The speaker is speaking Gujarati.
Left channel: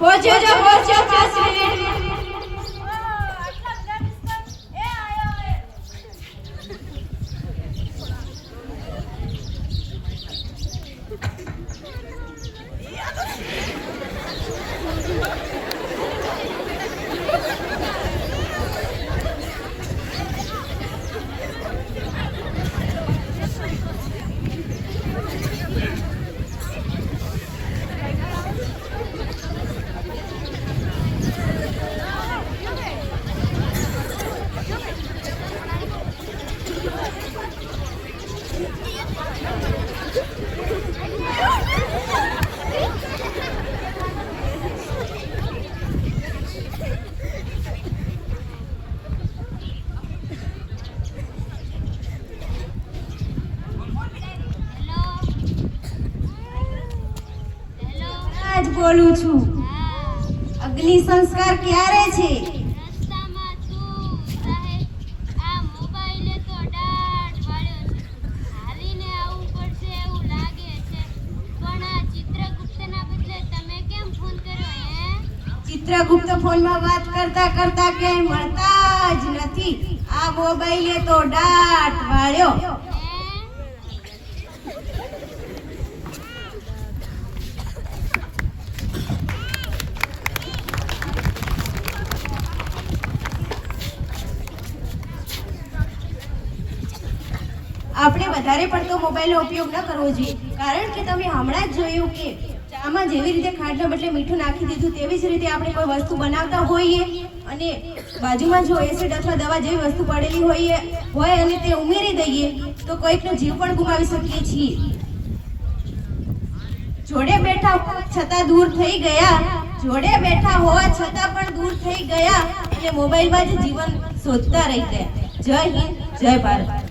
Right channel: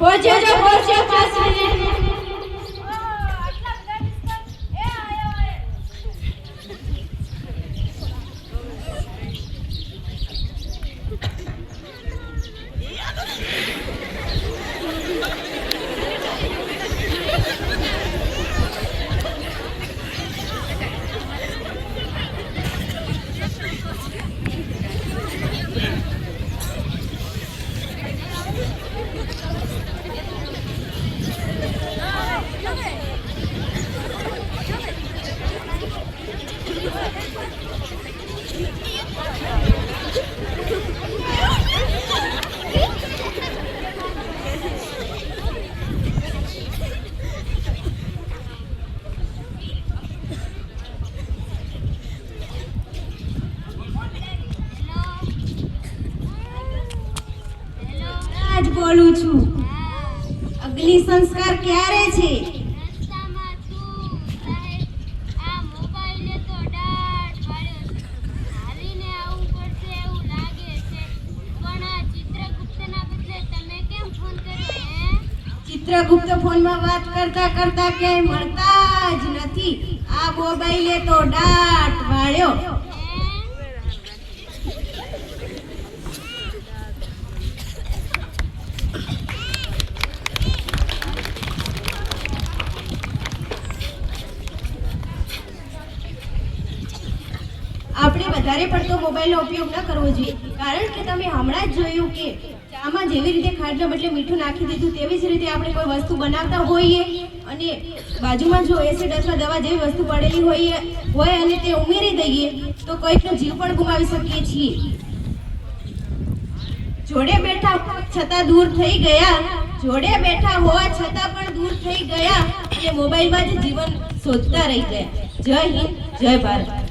પહોંચો 5 મિનિટ। આજ બોલું છું। અગ્નિ સંસ્કાર ક્યારે છે? રસ્તામાં છું સાહેબ, આ મોબાઈલે તો દાટ વાળ્યો છે, હાલીને આવવું પડશે એવું લાગે છે, પણ આ ચિત્રગુપ્તના બદલે તમે કેમ ફોન કર્યો હે? ચિત્રગુપ્ત ફોનમાં વાત કરતા કરતા ક્યાંય મળતા જ નથી। આ મોબાઈલે તો દાટ વાળ્યો। આપણે વધારે પડતો મોબાઈલનો ઉપયોગ ન કરવો જોઈએ, કારણ કે તમે હમણાં જ જોયું કે ચામાં જેવી રીતે ખાંડના બદલે મીઠું નાખી દીધું, તેવી જ રીતે આપણે કોઈ વસ્તુ બનાવતા હોઈએ અને બાજુમાં જો એસિડ અથવા દવા જેવી વસ્તુ પડેલી હોય અને તે ઉમેરી દઈએ તો કોઈકનો જીવ પણ ગુમાવી શકીએ છીએ। જોડે બેઠા હોવા છતાં દૂર થઈ ગયા, જોડે બેઠા હોવા છતાં પણ દૂર થઈ ગયા અને મોબાઈલમાં જ જીવન શોધતા રહી ગયા। જય હિન્દ, જય ભારત।